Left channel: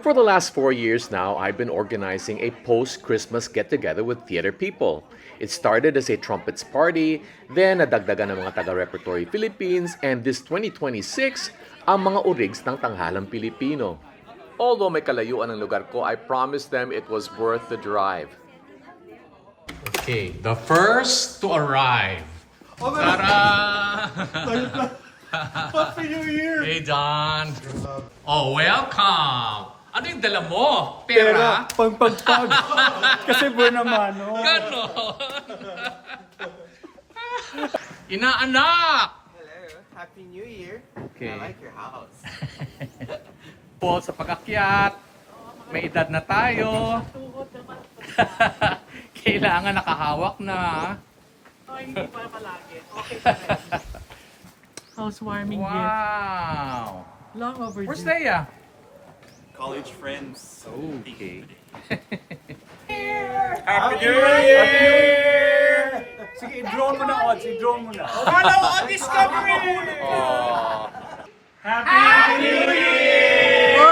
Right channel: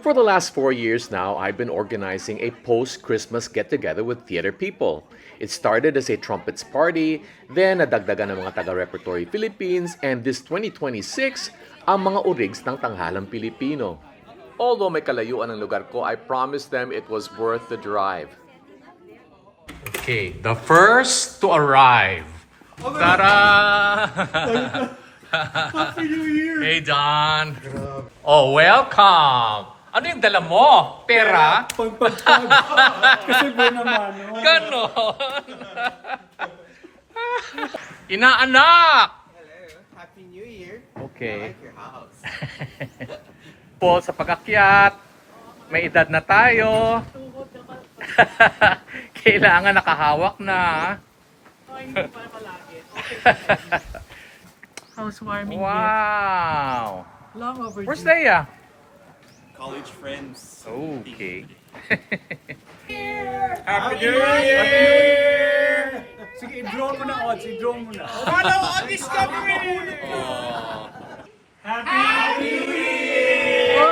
For the last 4 years now, I've been organizing a post-Christmas get-together with theater people. It started as a trumpets party, then nadagdagan ng mga taga-Repertory Philippines, and this 2026, ang mga urigs ng tanghalang Pilipino. Although may kalayuan ang lugar ko, I promised them it was worth the drive. Okay, the first to arrive. Tara! Happy New Year! Hey, Don. Oh, welcome! Ano yung dala mo? Pera? Pagpagpag. Kasi buwan naman, no? Ganon! Inaanak! Hello, Happy New Year. Okay. I like your house. Po sa pag-akyat, may edad na tayo. Kailangan nakahawak na. Hindi pa palagi. Housewarming Wow! here. Long overdue. Where's Leia? College friends. Okay. Happy New Year! Sige, i-draw mo na, Ods. I-draw mo na. Follow on Discovery! Oh. Happy New Year!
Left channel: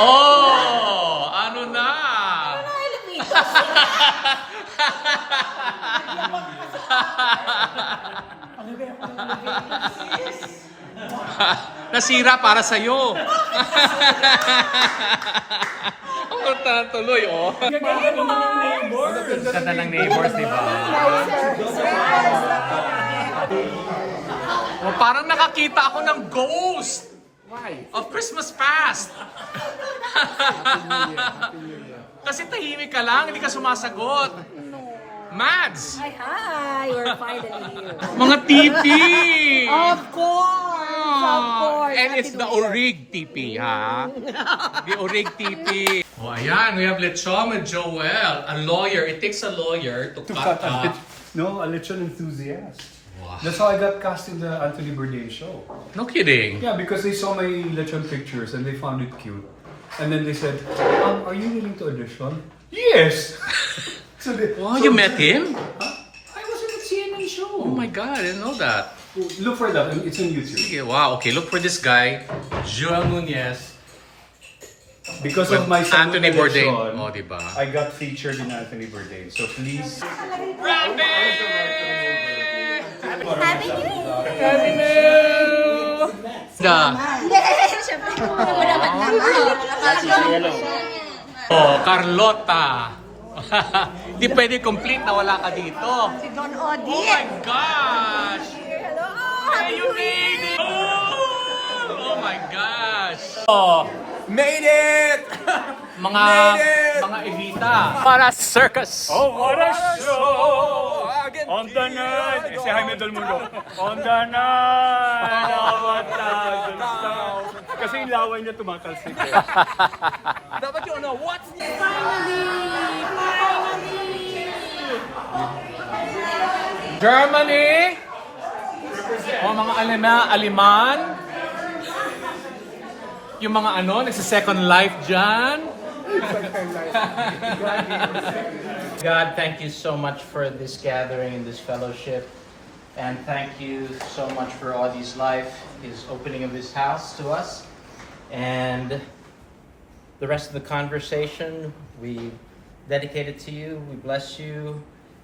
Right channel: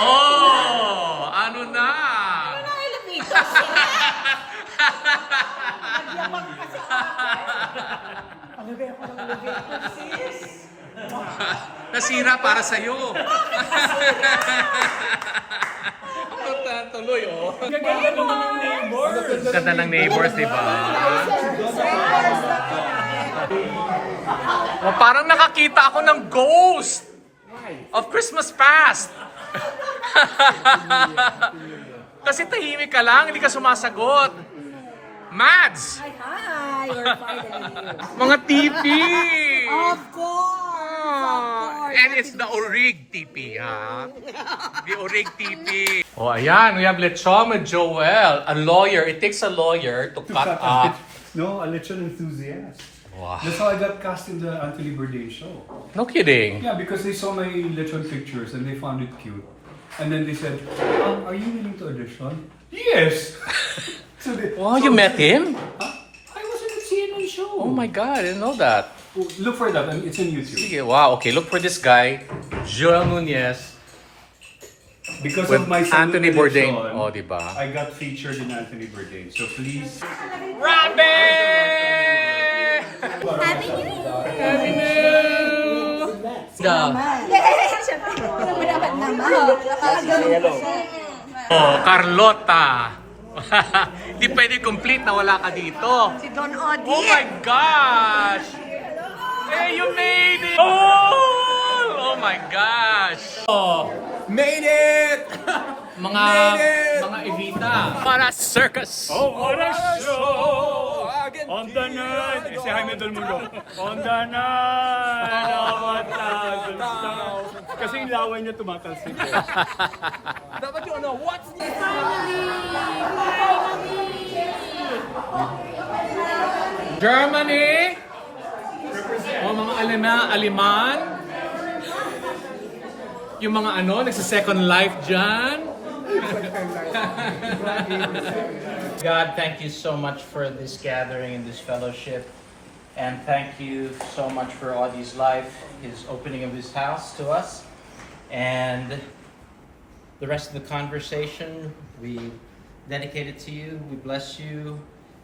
Oh! Ano na? Nasira para sa'yo. Ang tuloy, oh. Ganda ng neighbors, di ba? Oh, parang nakakita ako ng ghost of Christmas past. Kasi tahimik ka lang, hindi ka sumasagot. Mads! Hi, we're finally here. Mga TV! Of course! And Happy it's the New Year. Orig TV, ha? The Orig TV. Oh, ayan. We have Lechon with Joel. A lawyer. It takes a lawyer to cut up. No, a lechon enthusiast. Wow. That's how I got cast in the Anthony Bourdain show. No kidding. Yeah, because they saw my lechon pictures and they found it cute. And then they said, are you willing to audition? Yes! So Wow, you met him? I was in a CNN show. Oh my God, I didn't know that. Look for that. It's on YouTube. Sige, wow, okay. Look for this guy, Joel Nunez, Because with of my Anthony Bourdain. celebration, Oh, diba? I got featured in Anthony Bourdain. So please. Rabbit! Happy New Year! Happy New! Oh, Carlota. Di pwede complete na wala ka dito. Don Odi. Oh my gosh! Hey, you made it! Oh my gosh! Oh, Made it! mga Evita. Para circus. Oh, what a show! On the night! Si Jaime Del Mundo. On the night! Kasi yung laway niya tumatalsik. Dapat yung ano, what's this? Germany. Oh, mga aliman. Yung mga nagsa-second life dyan. God, thank you so much for this gathering and this fellowship. And thank you so much for Audie's life, his opening of his house to us. And the rest of the conversation, we dedicate it to you. We bless you.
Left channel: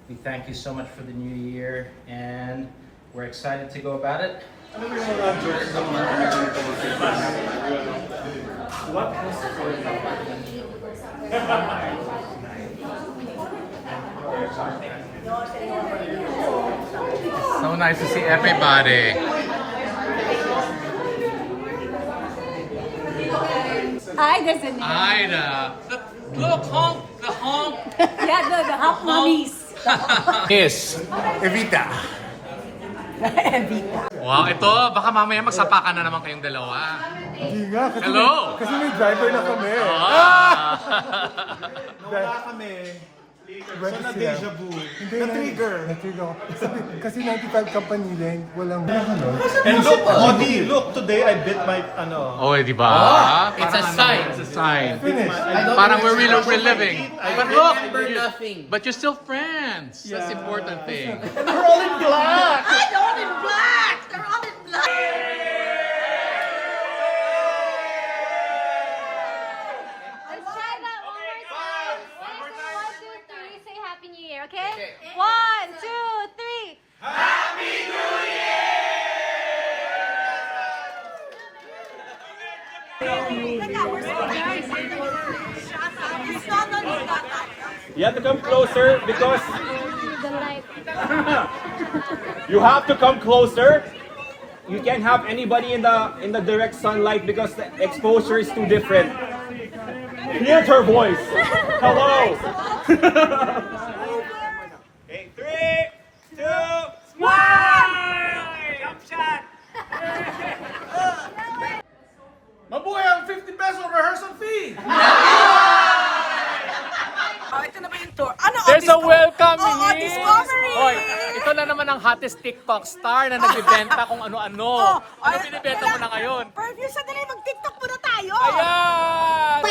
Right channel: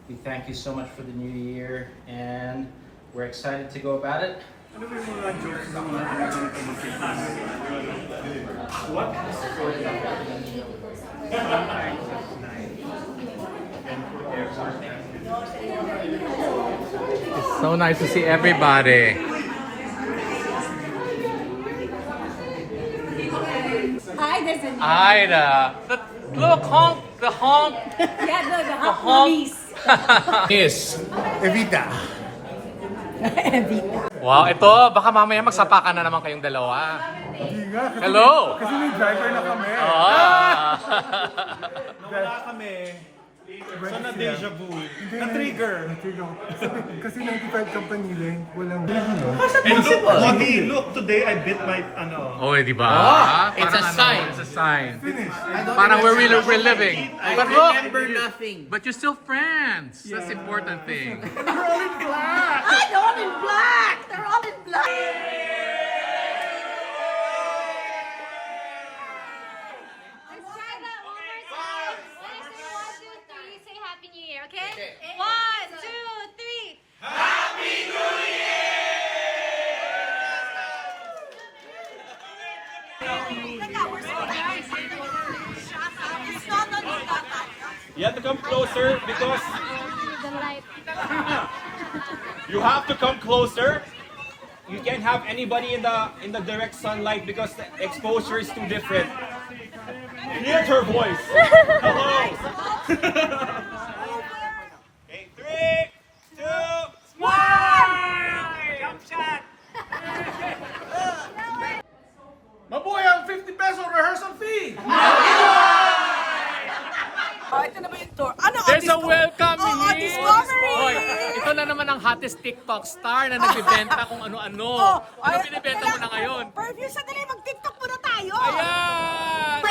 We thank you so much for the new year. And we're excited to go about it. So nice to see everybody. Hi, there's a Ida. Look, honk. The honk. Yeah, the hot police. Yes. Evita. Wow, ito. Baka mamaya magsapakan na naman kayong dalawa. Hindi nga. Hello. Kasi may driver na kami. Ah. Nawala kami. So na-deja vu. Na-trigger. Kasi 95 company din. Walang ano. And look, Audie, look, today I bit my, Oh, di ba? It's a Parang sign. It's a sign. Finish. Parang we're living. But look, Remember nothing. but you're still friends. That's the important thing. we're all in You have to come closer because you have to come closer. You can't have anybody in the direct sunlight because the exposure is too different. Hear her voice. Hello. Okay, 3, 2, smile! Jump shot. Mabuhay ang 50 peso rehearsal fee! Oh, ito na ba yung tour? Ano? There's a welcome Oh, here! discovery! Hoy, ito na naman ang hottest TikTok star na nagbibenta kung ano-ano. Ano binibenta mo na ngayon? Perfect, sandali, mag-TikTok muna tayo! Ayan!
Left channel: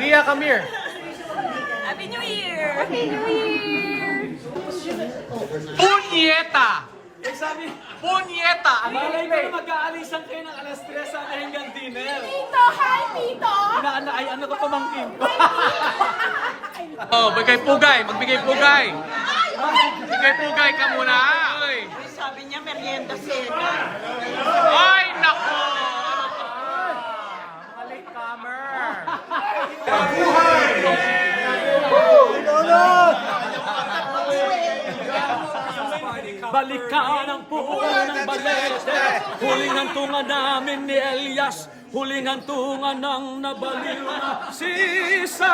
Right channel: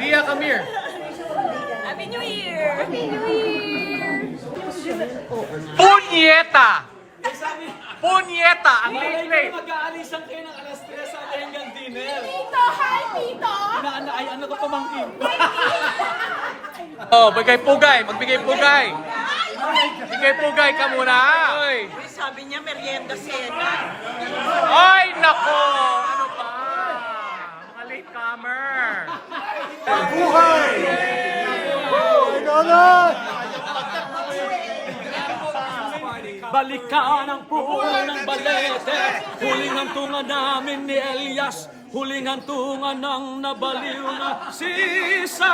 Lia, come here. Happy New Year! Happy New Year! Punyeta! Punyeta! Ang galing Mag-aalisan kayo ng alas 3 sa hanggang dinner. Tito! Hi, Tito! Ano ko pamangkin ko? Oh, bigay pugay. Magbigay pugay. Bigay pugay ka muna. Sabi niya, merienda sila. Ay, nako! Ano pa? Mga latecomer. Balikan ang puno ng balete. Huling hantungan namin ni Elias. Huling hantungan ng nabaliw na sisa.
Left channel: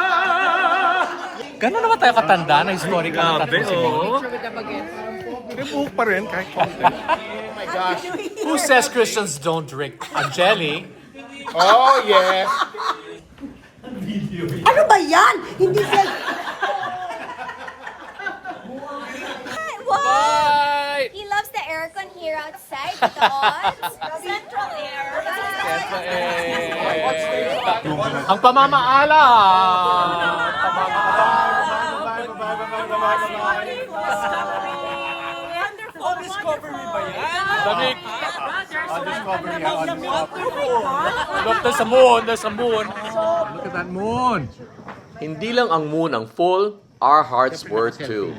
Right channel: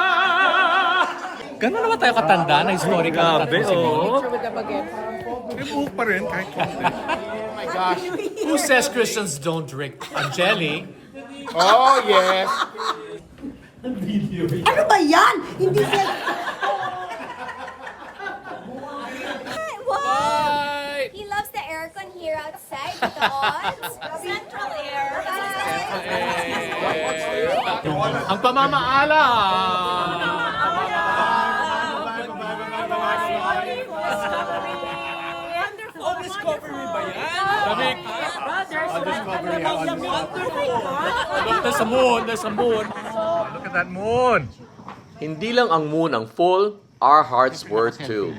Gano'n naman tayo katanda na historical na tattoo si Mo? May buhok pa rin kahit Who says Christians don't drink? Jelly? Ano ba yan? Hindi siya... Wow! Bye! He loves the aircon here outside, Tito Ons. Central air. Ang pamamaala! Wonderful! Discovery ba yan? Lamig! discovery. Oh my God! Look, there's a moon, there's a moon. Look at that moon. Hindi lang ang moon ang full, our hearts were too.